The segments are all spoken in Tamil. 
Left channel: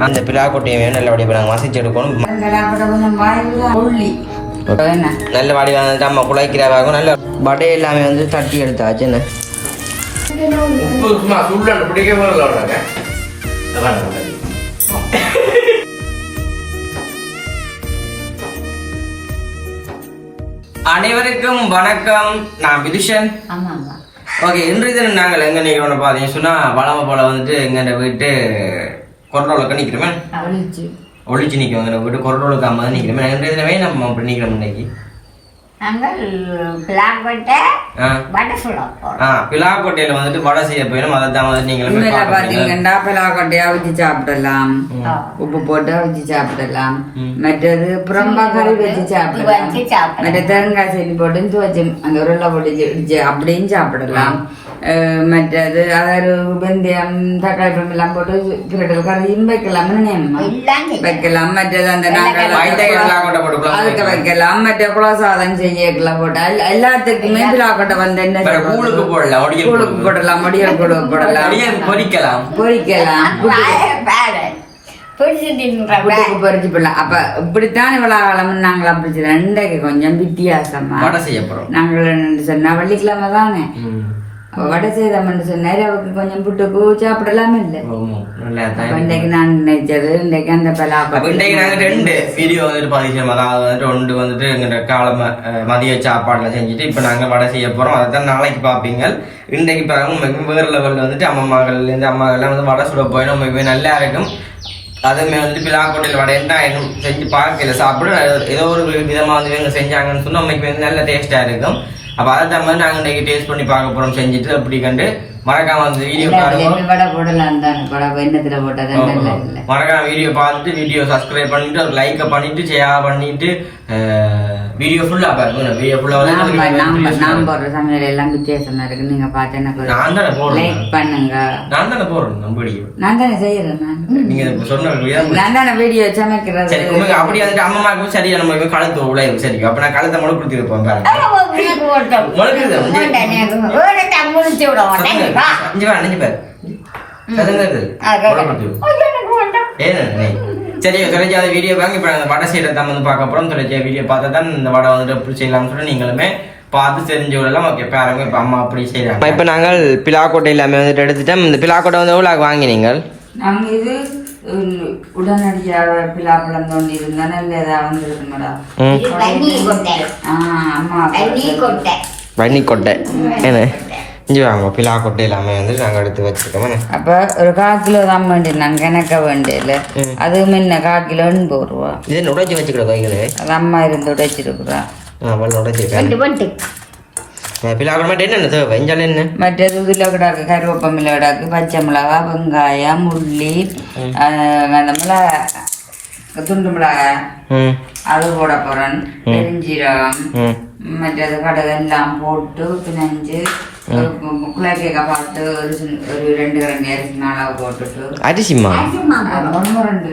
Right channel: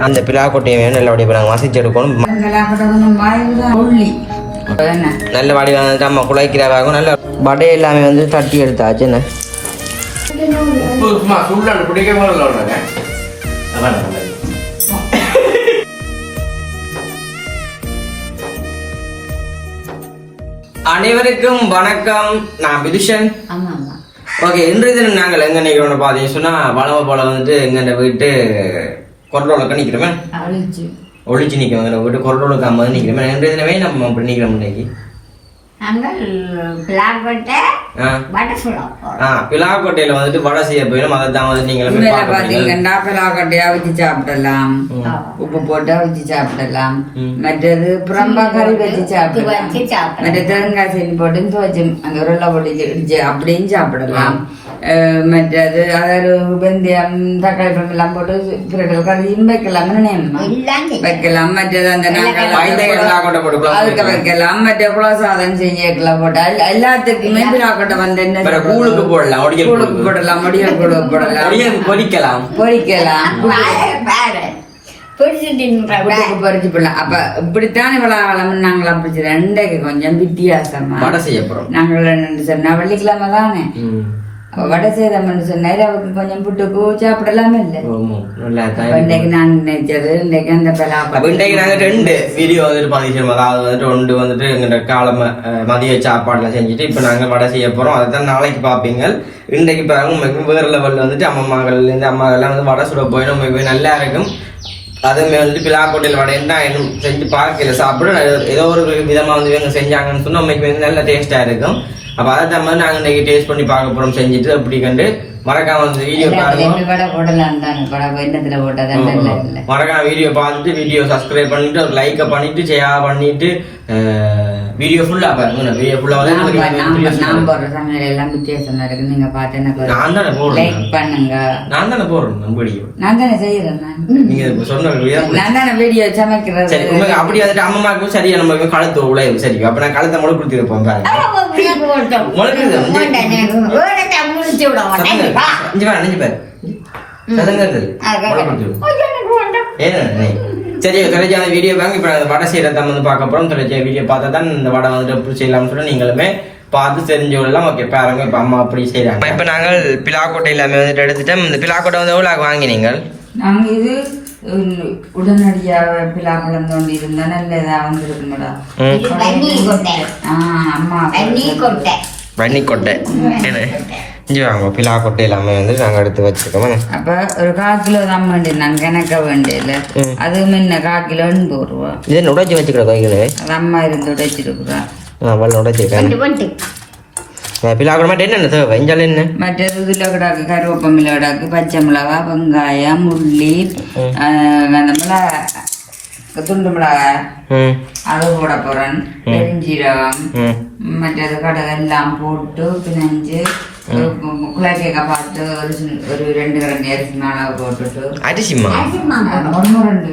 அந்த பிலாக்கொட்டையை நல்லபடியாக இப்போ நாங்கள் மசிச்சு எடுக்கணும். நல்ல வடி வந்துட்டு அம்மா குழைக்கிறாகும் நல்ல வடை எல்லாமே வந்து தட்டி எடுத்தாச்சு. என்ன? அனைவருக்கும் வணக்கம். நான் விதுஷன் ஆமா ஆமா ஓகே இன்றைய தினம் நாங்கள் எங்க நிற்கிறோம் பார்த்தீங்கன்னு சொன்னா வளம போல வந்துட்டு எங்க வீட்டு கொரோனாவுக்கு நிற்கிறோமே ஒளிச்சு நிற்கிறோம் எங்க வீட்டு கொரோனாவுக்கு அம்மா நிற்கிறோமே இன்றைய தினமே நம்ம அப்படி நிற்கிறோம் இன்னைக்கு. பிலாக்கோட்டையில வந்துட்டு வடை செய்ய போயிடும். அதை தான் வந்து போறீங்க. பாத்தீங்கன்னா பிளாக்கொட்டையா வச்சு சாப்பிடலாம். உப்பு போட்டு வச்சு சாப்பிடலாம். மற்றது புறம்பா கறி வச்சு சாப்பிடலாம். மற்ற தேங்காய் செடி போட்டு துவச்சு அந்த உருளை போட்டு இடிச்சு அப்படியும் சாப்பிடலாம். மற்றது அதாவது வெந்தயம் தக்காளி பழம் எல்லாம் போட்டு கிரடல் கறியும் வைக்கலாம். வைக்கலாம். மற்றது அந்த அதுக்கு வைக்கலாம். மற்ற குலசாதம் செஞ்சுக்கலாம் போட்டா எல்லா- எல்லாத்துக்குமே பிளாக்கொட்டை வந்து என்ன கூழுக்கு போடலாம் ஒடியல் கூழுக்கு. போடலாம் முடியல் கூழுக்கு போடலாம். ஒடியல் பொரிக்கலாம் போடலாம். அப்ப இப்படித்தான் இவ்வளவு காலம் நாங்கள் அப்படி கொஞ்சம் வித்தியாசமா. நாங்கள் சொன்னா வெள்ளிக்கிழமை தானே. வடை செய்தோம்னு சொன்னாரு அவருக்கு கொஞ்சம் புட்டுக்கு சாப்பிடலாம் இல்லை. தான் இன்றைக்கு நான் நினைச்சது இன்றைக்கு அந்த பலாப்பழம் இன்றைக்கு நாங்க ரெண்டு வீடியோ வந்துட்டு பதிவு அதாவது வந்துட்டு ஒன்று வந்துட்டு எங்க காலம மதிய சாப்பாடுலாம் செஞ்சுட்டு இப்ப நாங்க வடை செய்ய போறோம். அதைத்தான் நாளைக்கு பார்ப்பீங்க இன்றைக்கு உங்களுக்கு வேற லெவல்ல வந்துட்டு அம்மம்மாங்கள் இந்த அம்மாக்கள்லாம் வந்து வடை சுட போயிடும் உங்களுக்கு நல்லா இருக்கும். வந்துட்டு பிலாக்கோட்டையில் வடை என்ன இன்னும் செஞ்சு பார்க்கல சாப்பிட ஏதோ ஒரு விதமா வந்து இவங்க செஞ்சாங்கன்னு சொன்னா உங்களுக்கு வந்து நல்ல டேஸ்டா இருக்கும். அப்ப அதை தான் வந்து நாங்க இன்னைக்கு டேஸ்ட் பண்ணி பார்க்க போறோம் செஞ்சுட்டு அப்படி கண்டு மறக்காம அந்த வீடியோ பாருங்க. மறக்காம வீடியோ பார்த்துட்டு வீடியோ சப்ஸ்கிரைப் பண்ணிட்டு ஒரு லைக்கை பண்ணிட்டு ஷேர் பண்ணிட்டு வீடியோ ஃபுல்லா பாருங்க வீடியோ ஃபுல்லா வந்து நாம் போடுற சமையல் எல்லாம் வித்தியாசமா இருக்கு நீங்க பார்த்து எனக்கு நான் தானே போடுறேன் லைக் பண்ணுங்க நான் தானே போடுறேன் நம்ம வீடியோ நான் தானே செய்யறேன் நான் நீங்க இப்ப சொன்ன விதம் நான் தானே வீடியோ சமைக்கிறது சரி உங்களுக்கு அப்படி வந்துட்டு அம்மாவுக்கும் சரியா நம்ம கழுத்து உழையும் சரி அப்ப நான் கழுத்தை முளை கொடுத்துருப்போம் பாருங்க முளைக்குது. முடிச்சு விட மாட்டேன் வா. இங்க வா நெஞ்சு பாரு சதங்க இருக்குது. ஆ, முளை கேட்க. கொடுத்துரு. கொஞ்சம் எனக்கு வேண்டாம். ஏன்? சரி தொலைச்சி அந்த வீடியோ பாருங்க இப்போ அந்த வடை செய்யறத வந்து பார்க்க போறோம். தொலைச்சி வீடியோ பார்த்தா தான் இந்த வடை வந்துட்டு எப்படி செய்யலாம்னு சொல்லி நீங்களுமே பார்த்து தெரிஞ்சவங்களெல்லாம் ஓகே பாருங்க. இப்போ அம்மா அப்படி செய்யறாங்க இப்போ நாங்கள் பிலாக்கோட்டை எல்லாமே வந்துட்டு எடுத்துட்டோம். இந்த பிலாக்கோட்டை வந்து எவ்வளோ வாங்கினீங்க நாங்க இது உடனடியாக பிலாப்பழம் தோண்டி இருந்தா நல்ல இதா வந்திருக்கு மேடம் தண்ணி கொட்டை. வன்னி கொட்டை என்ன இஞ்சி வாங்க பிலாக்கோட்டை எல்லாமே வந்து நாங்கள் எடுத்து வச்சிருக்கோம். என்ன? அப்ப ஒரு கால் கிலோ தான் வேண்டிய நான் கணக்க வேண்டியல அது முன்ன கால் கிலோ எண்பது ரூபா. இது என்ன உடைச்சி வச்சுக்கிற கைகளே அது அம்மா இருந்து உடைச்சிருக்குறா. நான் வெள்ள உடைச்சிருக்கேன் மட்டும் என்னென்ன தேவை? இஞ்சால என்ன? மற்றது இதில் கிடாக்கு கருவேப்பமில்ல கிடாக்கு பச்சை மிளகா வெங்காயம் உள்ளி அந்த மிளகா துண்டு மிளகாய். ம். அது போட போறேன். பெருஞ்சீரகம். மற்றது கடலை எல்லாம் போட்டு பிணைஞ்சு குழாய்க்க பார்த்து ஒரு ஒரு ரெண்டு ரெண்டு அரிசி மாவு போட்டுட்டு. போடு. ஒன்று ரெண்டு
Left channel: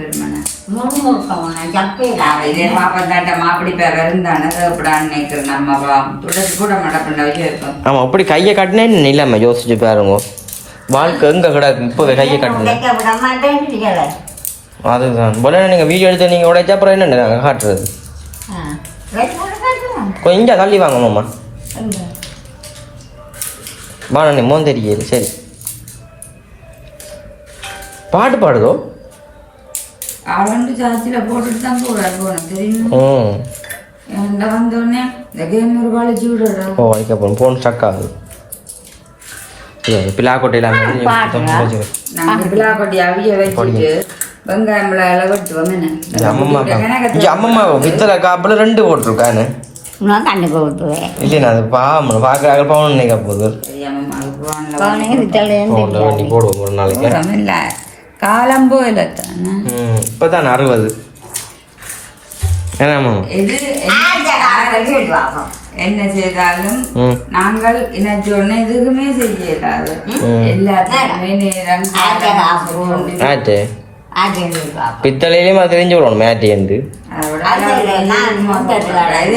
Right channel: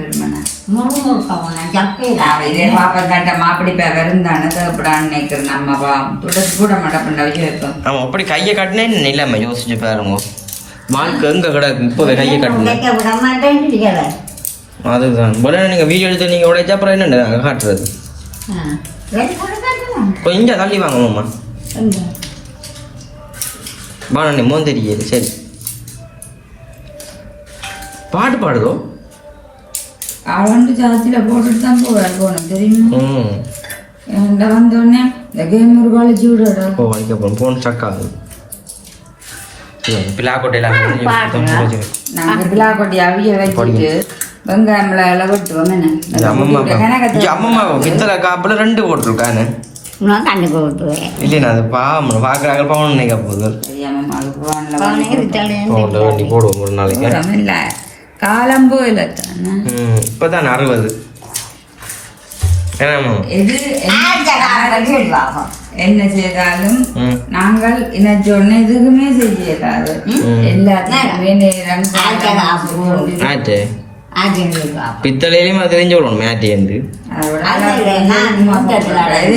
அப்படி கையை கட்டினே இல்லாம யோசிச்சு பாருங்க. வாழ்க்கை எங்க கிடக்கு? இப்போ கையை கட்டணும். அதுதான். போல நீங்க வீடியோ எடுத்து நீங்க உடைச்சா அப்புறம் என்ன காட்டுறது? கொஞ்சம் தள்ளி வாங்க மாமா. எங்க? வாங்க நீ மோன் தெரியல சரி. பாட்டு பாடுதோ? அவன் சாச்சியில் போட்டுட்டு தான் போவேன் போகணும் தெரியுமா? என்கிட்ட வந்தோடனே இந்த கேம் ஒரு கழிச்சு விடுறா ஓ அதுக்கப்புறம் ஃபோன் ஸ்டக் ஆகுது. ரெண்டு விட்டுவேன். இல்லைண்ணா அது பாவம் பார்க்குறாங்க பவுன் நினைக்க போகுது. வண்டி போடுவோம் ஒரு நாளைக்கு. காலம் போயில தானே. ம் இப்போ தான் அறுபது என்ன- என்ன செய்தாலும் நாங்கள் என்ன சொன்ன எதுக்குமே செய்யலாது எல்லாத்துக்குமே நேரம். பித்தளையிலேயும் அது தெரிஞ்சு விடணும் மேட்டேந்து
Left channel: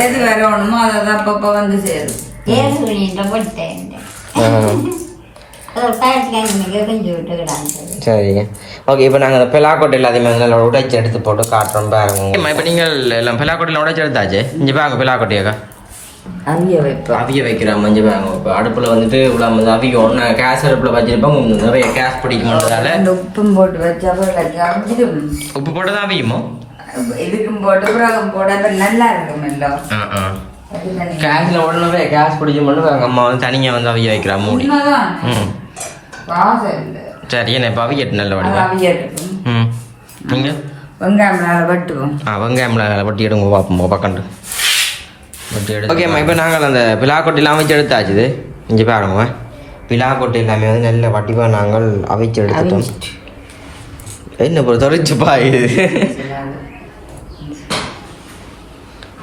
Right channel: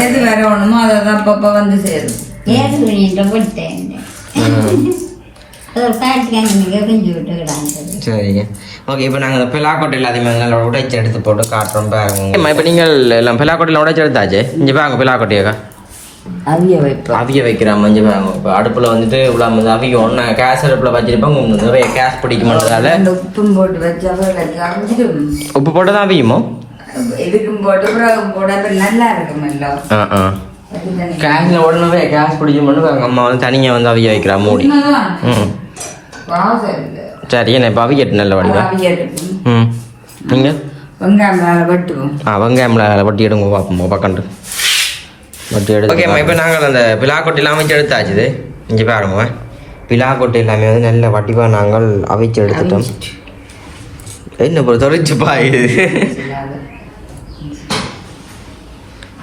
எது வரணுமோ அதை தான் அப்பப்போ வந்து சேருது சரிங்க ஓகே இப்போ நாங்கள் பிலாக்கோட்டை எல்லாத்தையுமே நல்லா உடைச்சி எடுத்து போட்டு காட்டுறோம் பாருங்க. இப்போ நீங்கள் எல்லாம் பிலாக்கோட்டையில் உடைச்சி எடுத்தாச்சு? இங்கே பாருங்க பிலாக்கோட்டையாக்கா அவிய வைப்போம் அவிய வைக்கிறோம் மஞ்சள் பாருங்க. இப்போ அடுப்பில் வந்துட்டு இவ்வளோ அவிய ஒன்று கேஸ் அடுப்பில் நிறைய கேஸ் பிடிக்குமன்றதால. உப்பும் போட்டு வச்சா உப்பு போட்டு தான் அவியுமோ? இதுக்கும் போட்டு பிறகும் போட அப்புறம் நல்லா இருக்குமல்லோ ஆ ஆ. கேஸில் உடனே கேஸ் பிடிக்கும்போது எங்கள் அம்மா வந்து தனியாக வந்து அவிய வைக்கிறா மூடி. ம். சரி என்ன இப்போ அவியட்டு நல்ல வடிவா? அவியட்டும். ம். நீங்கள் வெங்காயம் வெட்டுவோம். ஆ வெங்காயம்ல வட்டி எடுங்க பார்ப்போம் பக்கண்டு வட்டி எடுத்து ஓகேம்மா இப்போ நாங்கள் அந்த பிலாக்கொட்டையெல்லாம் வச்சு எடுத்தாச்சு இது. இங்கே பாருங்க பிலாக்கொட்டை எல்லாமே வந்து நல்ல வட்டிவாக நாங்கள் அவிச்சு எடுத்துட்டோம். என்ன இப்போ தொலைச்சு பாய்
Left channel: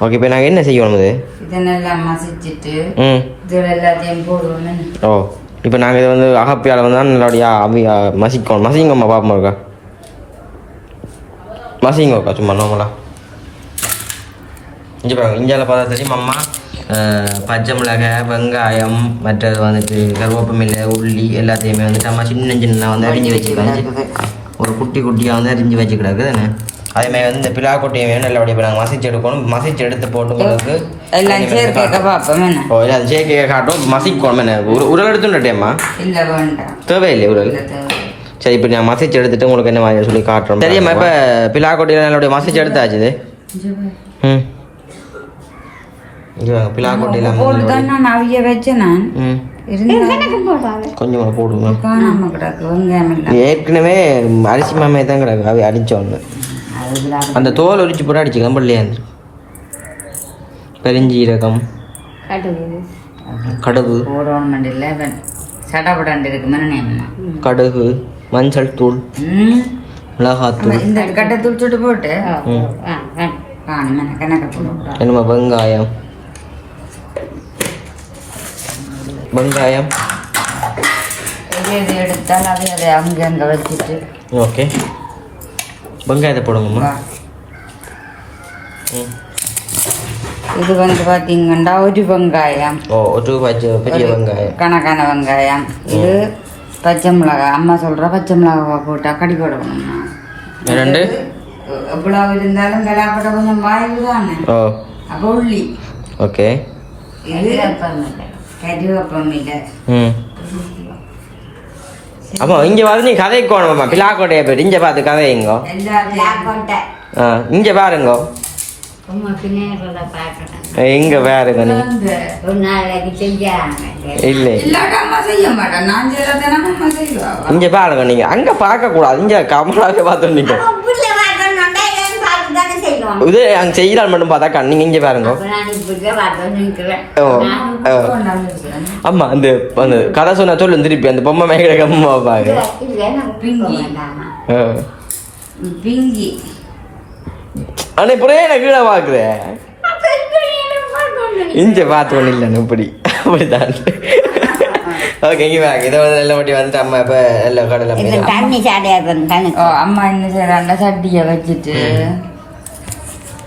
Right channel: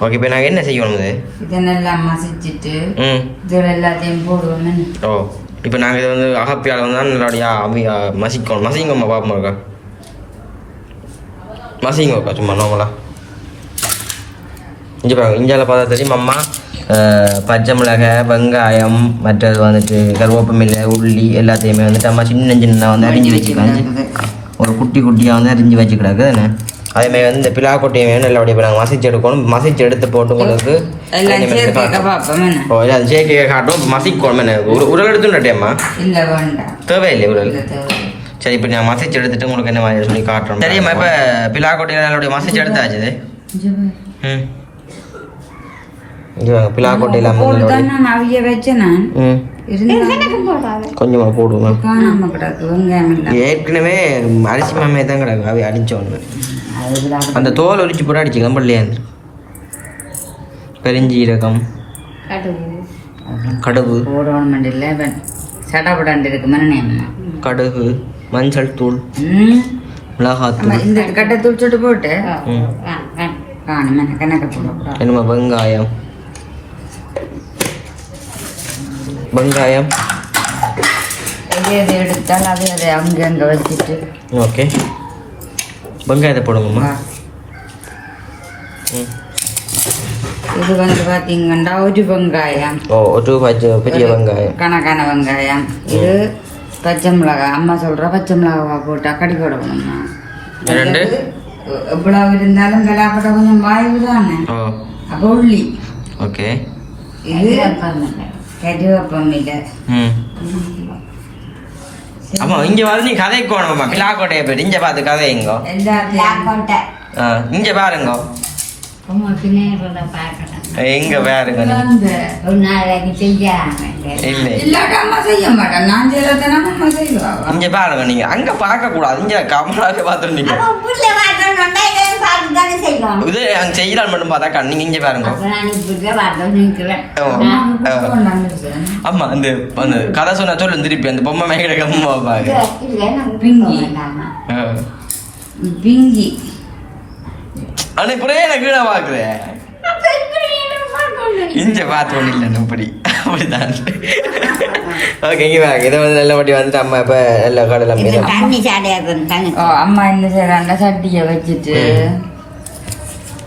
ஓகே இப்போ நாங்கள் என்ன செய்யணும் இது? இதை நல்லா மசிச்சுட்டு ம். இதில் எல்லாத்தையும் போடுவோம். ஓ இப்போ நாங்கள் இதை வந்து அகப்பியால் வந்து நல்லபடியா அவி மசிக்கணும். மசிங்கம்மா பாப்போம் இருக்கா? மசிங்கக்கா சும்மா நோமலா இங்கே பாருங்க இந்தியாவில் பார்த்தா தெரியும் அம்மா? பச்சை மிளகாய் வெங்காயம் மற்றது வந்துட்டு கருவேப்பமில்லை உள்ளி எல்லாத்தையுமே வந்துட்டு அம்மா சின்ன சின்ன வந்து அரிஞ்சு வச்சுக்கிறாங்க ஒரு குட்டி குட்டியாக வந்து அரிஞ்சு வச்சுக்கிறாங்க தானே அதேமாதிரி வந்து இந்த பிலா கொட்டையை நல்லபடியாக இப்போ நாங்கள் மசிச்சு எடுக்கணும். மசிச்சு எடுத்து போட்டு உங்களுக்கு எல்லாம் சேர்க்க அது காட்டும் மசிக்கணும் உரு உருள் எடுத்துட்டேம்மா இல்லை தேவையில்லை உருள்? இல்லை தேவை சரி இப்போ நான் மசிச்சு எடுத்துட்டு உங்களுக்கு என்ன மாதிரி சொல்லி காட்டுறோம். சரிம்மா இப்போ பிலாக்கோட்டையில் நல்லபடிய மசிச்சு எடுத்தாச்சு இது ம். நான் கொஞ்சமாக போடுங்க. ஏற்கனவே அரிசி மாமே தான் கிடக்கு அவை அதுல அந்த தோல் உரிச்சு போட்டு அடிச்சுக்கலாம் பள்ளியாந்து பெருஞ்சீரகம் கடுகு. கடுகு மஞ்சள் தூள் மிளகாத்தூள். இந்த கட்டை தூச்சுட்டு போட்டு என்னமா வெங்காயம்? வெங்காயம்? எடுத்தால் அதை அதை அங்கே அங்கே வச்சுட்டு. ஓகே. வெங்காயத்தை போடுங்கம்மா. இது வந்து பார்த்தீங்கன்னா ஒரு வெங்காயம். ஓ ஒரு பச்சை பெரிய வெங்காயம். கணக்கான வெங்காயம். இது பச்சை மிளகாய் அம்மா சொல்ற பச்சை மிளகாய் போட்டு கடி போடணும்னா ரெண்டு? எவ்வளவு இருந்தாலும் கலாப்பட்ட கொஞ்சம் வாய்வு தானே? ஓ. அப்போ உள்ளி. ஓகே. இது கறிவேப்பம் இல்லை ம். அப்போ இங்கே வந்து நீ கதைக்கு போகணுமாம்மா பிலாக்கோட்டையை போயிட்டு இங்கே பார்த்து எல்லாத்தையும் ஆ இங்கே பாருங்கோ. இங்கே பாருங்க இங்கே பாருங்க நீங்கள் அங்கே பார்க்கக்கூடாது இங்கே கமலாக பார்த்து வாட்டணும்னா இதை அங்கே செய்யலாம் மட்டும் பார்த்தா கண் நீங்கள் இங்கே பாருங்க. ஆமா அந்த அந்த கதை சொன்னா சொல்லு திருப்பி. அந்த பொம்மை மேகட கம்மா பாரு. பிங்கி. ஆ. பிங்கி ஆனா இப்படியே எனக்கு கீழே பாக்குறேன் இஞ்ச பார்த்து இல்லை இப்படி. அப்படிதான். ஓகே இங்க வாங்க இதை வந்து நல்ல வட்டி வந்துட்டு அம்மா இப்ப எல்லா கடலை மீன் தண்ணி சாடையா தண்ணி. ஓ அம்மா என்ன செய்யறாங்க சட்டியை வச்சுட்டு.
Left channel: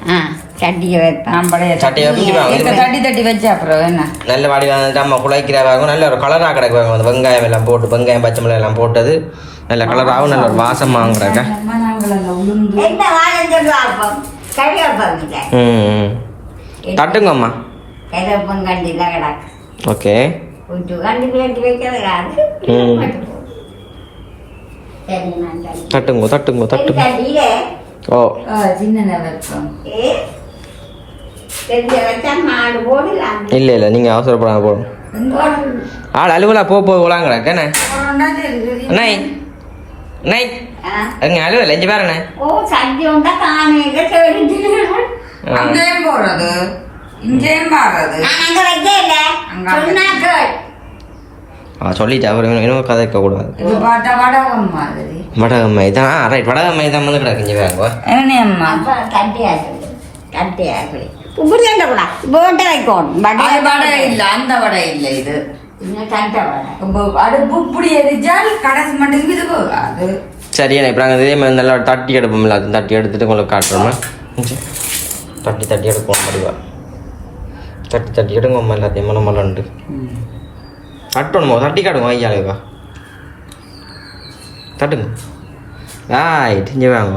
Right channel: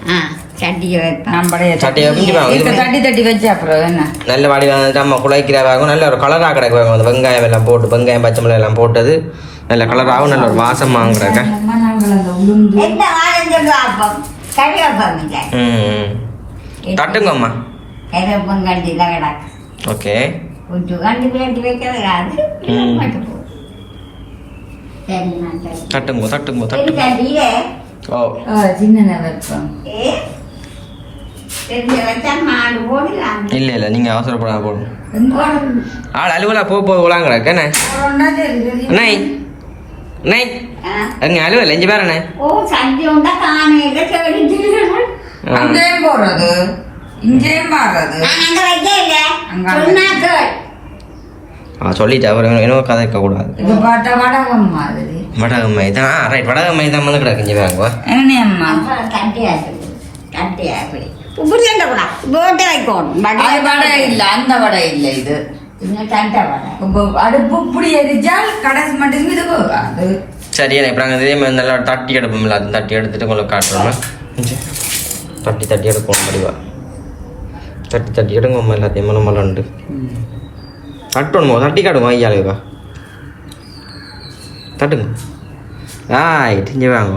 ஆ சட்டியை நல்ல வாடி வந்துட்டு அம்மா குழைக்கிறாராகும் நல்ல ஒரு கலராக கிடக்குவாங்க வெங்காயம் எல்லாம் போட்டு வெங்காயம் பச்சை மிளகாய் எல்லாம் போட்டது. நல்ல கலராகவும் நல்ல ஒரு வாசமாக கிடக்க அம்மா நாங்கள் அந்த உளுந்து எந்த வாழை அப்பம் கறிவேப்பம் இல்லை ம் ம். தட்டுங்க அம்மா கறிவேப்பம் கண்டி தான் கிடக்கு ஓகே தட்டுங்க தட்டுங்க தட்டு கண்டியே ஓ இல்லை இல்லை நீங்கள் அவசரப்படாத போடும் ஆள் அலுவலா போக போக விளாங்கடா அண்ணே ஓ சட்டி உண்டா காணையில தேடிட்டு ஆ. அங்கேயும் போடுறது இங்கேயும் சொன்னாக்கள் ஆ சொல்லிட்டு அப்புறம் இன்னும் கதைக்க கூடாது இது பார்த்தா வடகம் மாதிரி வடகம்மை தான் ரைட் வடகம்மை தான் வந்து கிடக்கு இங்கே வேங்க என்ன அம்மா அப்ப கட்டியாச்சு கட்டியாச்சு இப்படி என்ன கூட போட்டு வைக்கணும் அது வடை இல்ல அந்த வடை இல்ல இது வர இப்போ நாங்கள் இதே மாதிரி நல்லா தட்டி எடுப்போம்ல அது தட்டி எடுத்துட்டு உங்களுக்கு காட்டுறோம்னா தட்டி தட்டி எடுப்போம் முடிவா. தட்டி தட்டி எடுங்க எல்லாத்தையும் மனம் மலண்டு தட்டணுமோ தட்டி காட்டுங்க ஐயாளுக்கா தட்டுங்க. ஆய் இங்கே வாங்க.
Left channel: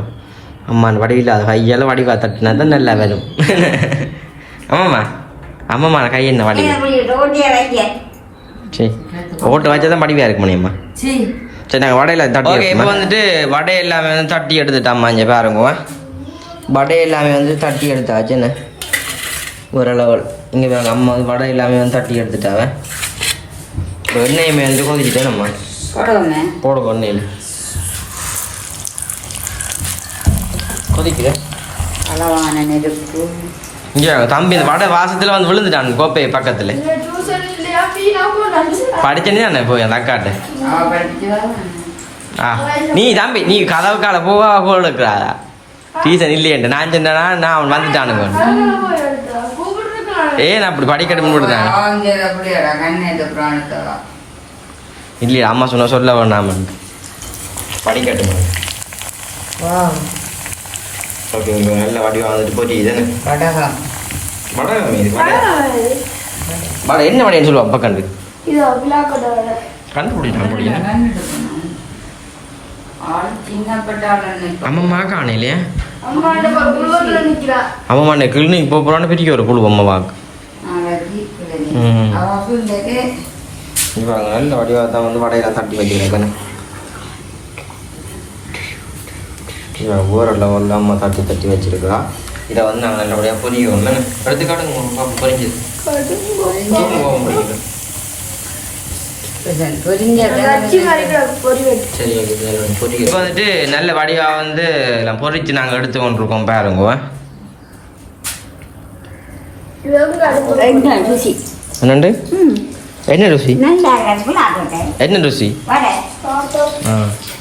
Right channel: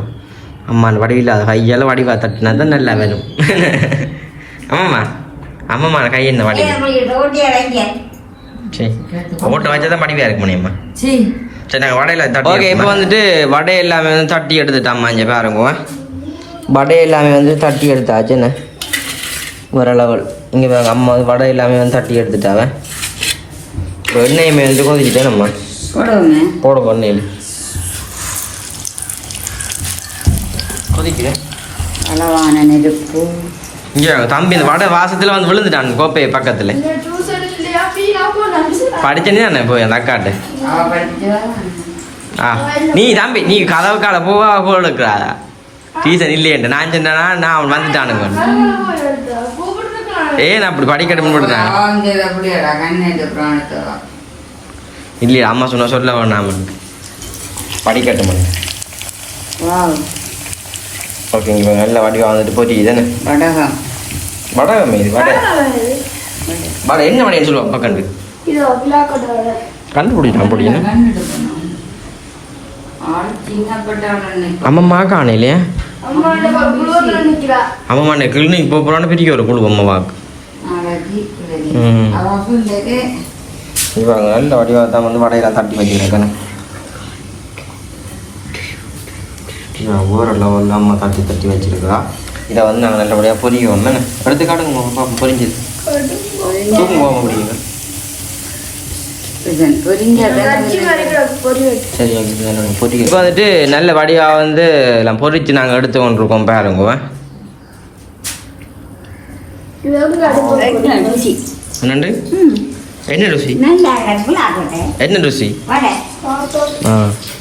அம்மா அந்த வடிவில் அது கையால் வடிவா தட்டுனா தான் நல்லா வரும். ஆமாம்மா. ஆமாம்மா கை என்ன வடிவு? சரி. ஓட்ட வச்சா தான் வடிவாக இருக்க முடியுமா சீ சரி நாங்கள் வடையில் தட்டி ஓகே இப்போ வந்துட்டு வடை எல்லாமே வந்து தட்டி எடுத்துட்டாம்மா இங்கே பாருங்க. வடை எல்லாமே வந்து தட்டி எடுத்தாச்சு என்ன? ஒரு லெவல் இங்கே பாருங்க அம்மா வந்து வடை எல்லாமே வந்து தட்டி எடுத்துட்டாங்க. இப்போ எண்ணெயுமே வந்து கொதிக்கிட்டே நம்ம போடுவோம் எண்ணெயில். கொதிக்குது? இங்கே தம்பி இந்த வடை வாசத்தில் வந்து விழுந்துட்டாங்க கோப்பை பக்கத்தில். படிச்சனே தானே போய் அந்த அக்காட்ட ஆ நீ தம்பி நீ கதவு கால போவா போடுக்கிறா டீசன் இல்லையன்ட்டு நான் சொன்னா நான் அவன் வந்துட்டானுங்க ஏன் அப்படி படிக்கட்டு போட்டுருக்காங்க இல்லையா அம்மா சொன்ன சொல்ல வேணாம் படிக்கட்டு பண்ணுங்க ஓகே நல்ல வடிவா வந்துட்டு போச்சு தானே வடகம் வடகம் இது வடை வடை என்ன வடைன்னு சொல்லுவா? அப்பா கண்டு. கண்டுபிடிச்சான் பிடிக்கணும் கண்டுட்டு போனோம். ஆள் சின்னப்பட்ட ஆள் அம்மம்மா காண இல்லையா? அம்மம்மா நீ கிளினிக் போக போகிறான்னு பிரிக்க ஒரு குழு அம்மா வாக்கு இவங்க நல்ல வடிவாக தான் வந்து வடையெல்லாம் தட்டி வச்சுருக்கேன் இவன் ஊர லெவலில் அம்மா தட்டி தட்டி வச்சிருக்கா. இதை வந்து நாங்கள் நல்லபடியாக பொரியும் எடுத்து காட்டுங்க பாப்பா தூங்க போக முடியுங்க சரி ஓகே பொரிக்க இப்போ வந்துட்டு நல்ல வடிவாக வந்து எல்லாம் பொரிச்சு நாங்கள் எடுத்து கொண்டிருக்கோம் பாருங்க. ருசி. என்னண்டு? என்ன ருசி? இருக்கும் என்ன ருசி? வடை. ஆ.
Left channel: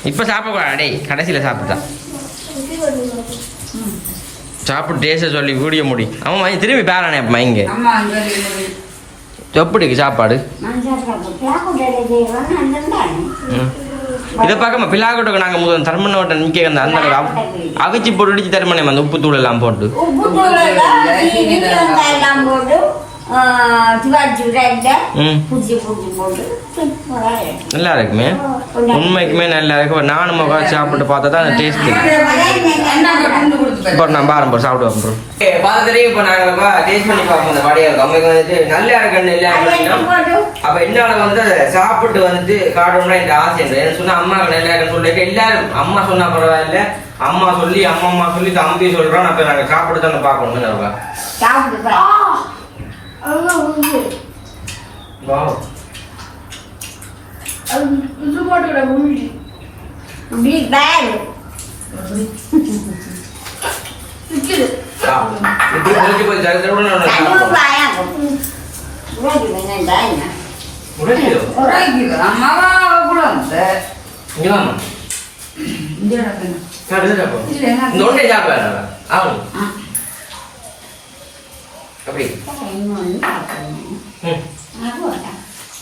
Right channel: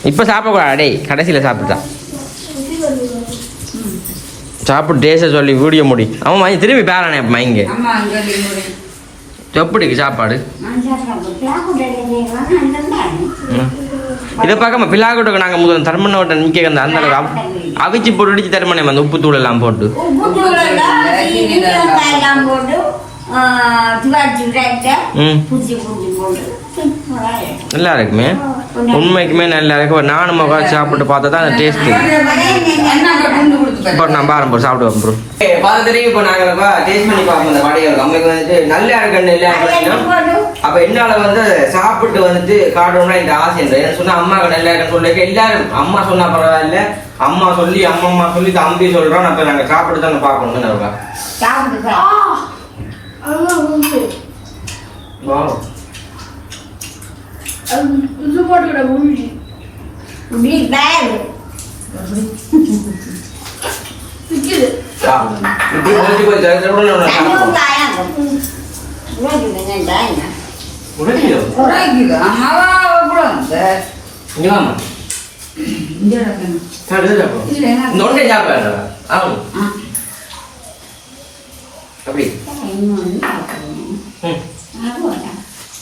இப்போ சாப்பிடக்கூடாது? டேய் கடைசியில் சாப்பிட்டா சாப்பிட்டு டேஸ்ட்டை சொல்லி வீடியோ முடி. அவன் திரும்பி பேரானே அப்போ இங்கே எப்படிக்கு சாப்பாடு. இதை பார்க்காம பிள்ளாக்கூட்டுக்கு நாங்கள் முதல் தர்மனை விட்ட நிற்க அந்த அந்த அவிச்சு போட்டு அடிச்சு தருமனே அந்த உப்பு தூள் எல்லாம் போட்டு. போட்டு நல்லா இருக்குமே உண்மைக்குமே நல்லா இருக்கு நானும் உட்காந்து சாப்பிட்டு பார்த்தா தான் அந்த டேஸ்ட் இப்போ நான் பாரம் ப்ரோ சாப்பிடுவோம் ப்ரோ பார்த்துட்டு இப்போ நாங்கள் டேஸ்ட் பண்ணி பார்ப்போம் அந்த வடைகள் அம்மைக்கு வந்துட்டு நல்லா இருக்கு நல்லா இருக்கு அப்ப என்னால வந்து சாப்பிட்டு வந்துட்டு காட்டணும்னா இந்த ஆசை இல்லை. ஏன்னு சொன்னா அம்மாக்கு நல்லா இருக்குன்னு சொல்லிட்டு எல்லாரும். அம்மா சொன்னா பரவாயில்ல. அம்மா சொல்லி அம்மா அம்மா சொல்லி தம்பி சொல்றோம் அப்ப நாங்க சாப்பிட்டு தானே பார்க்கணும்னு நம்ம Zumoto da Bulgi. Big Bang. Sao? Mình thích nói chuyện với cháu mới làm là sao? Không phải à? Nói chuyện với ngày bạn à? Nói chuyện. Nói chuyện. Mà vào bulan de. Như làm à? Như làm à? Sao đấy rồi? Nói cái gì vậy đó? Ăn. Cái gì? Cái này nó ăn. Ừ. Ăn.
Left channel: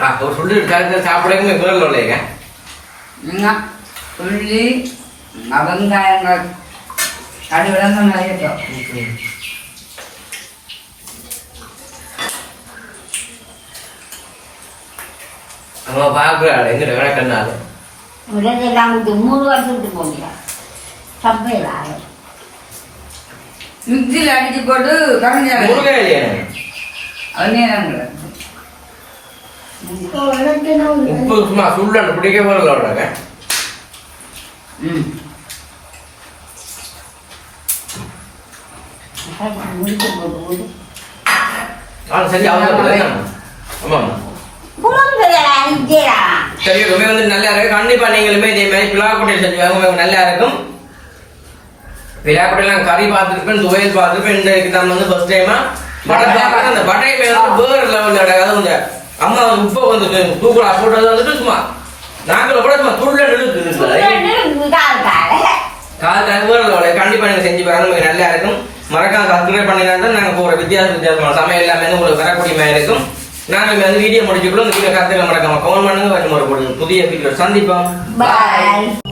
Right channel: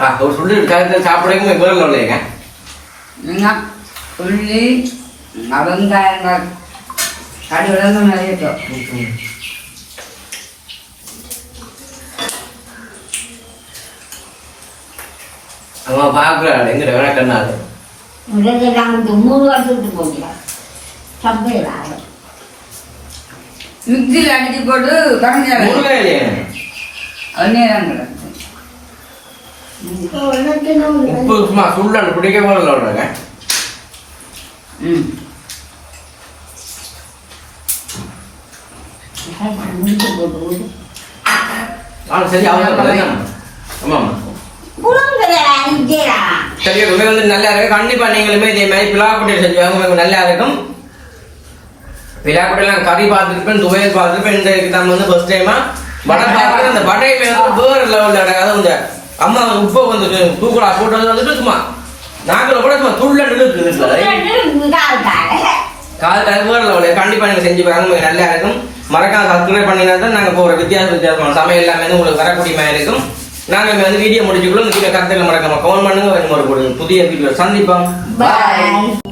அவர் சொல்லி காலத்தில் சாப்பிடுங்க குரல் இல்லைங்க நீங்கள் சொல்லி நடந்தாயங்கள் கடி விளங்க நிறைய நம்ம பார்க்குறாள் எங்கிட்ட வேணா கண்ணாது மூணு வருஷத்துக்கு போகிறா சப்பையில் மிக்சியில் அடிச்சு போட்டு கரைஞ்சாங்க உப்பு சும்மா சுள்ளாண்டு பிடிக்க போறல உடனே விடு. ஆனா சரி அவங்க வந்து நல்லா இருக்கு. கண்டிப்பா நீங்களுமே இதே மாதிரி பிளாக்குட்டை செஞ்சு வாங்க நல்லா இருக்கும். பிளாக்குட்டைலாம் கறி பார்த்துருப்பேன் துவையல் பார்த்துருப்பேன் இந்த நம்ம வந்து ஃபர்ஸ்ட் டைமா வடை பார்க்குறது வடை மேல வந்து வேற லெவலில் இந்த அம்மா உப்பை வந்து தூக்குலா போட்டது வந்துட்டு சும்மா நாக்கில் கூட சும்மா துள்ள நின்று கால் தகவல் கண்டிப்பா நீங்க செஞ்சு பாருங்க. நல்லா இருக்கும். மறக்காம சப்ஸ்கிரைப் பண்ணினா தான் நாங்க போற வித்தியாச வித்தியாசமான சமையல் எல்லாமே உங்களுக்கு வரக்கூடிய மாதிரி இருக்கும். நாங்க இங்க வந்து வீடியோ முடிச்சுக்கணும் இந்த கருத்துக்களை மறக்காம கமெண்ட் பண்ணுங்க. ஒரு புதிய வீடியோ சந்திப்போம். பாய்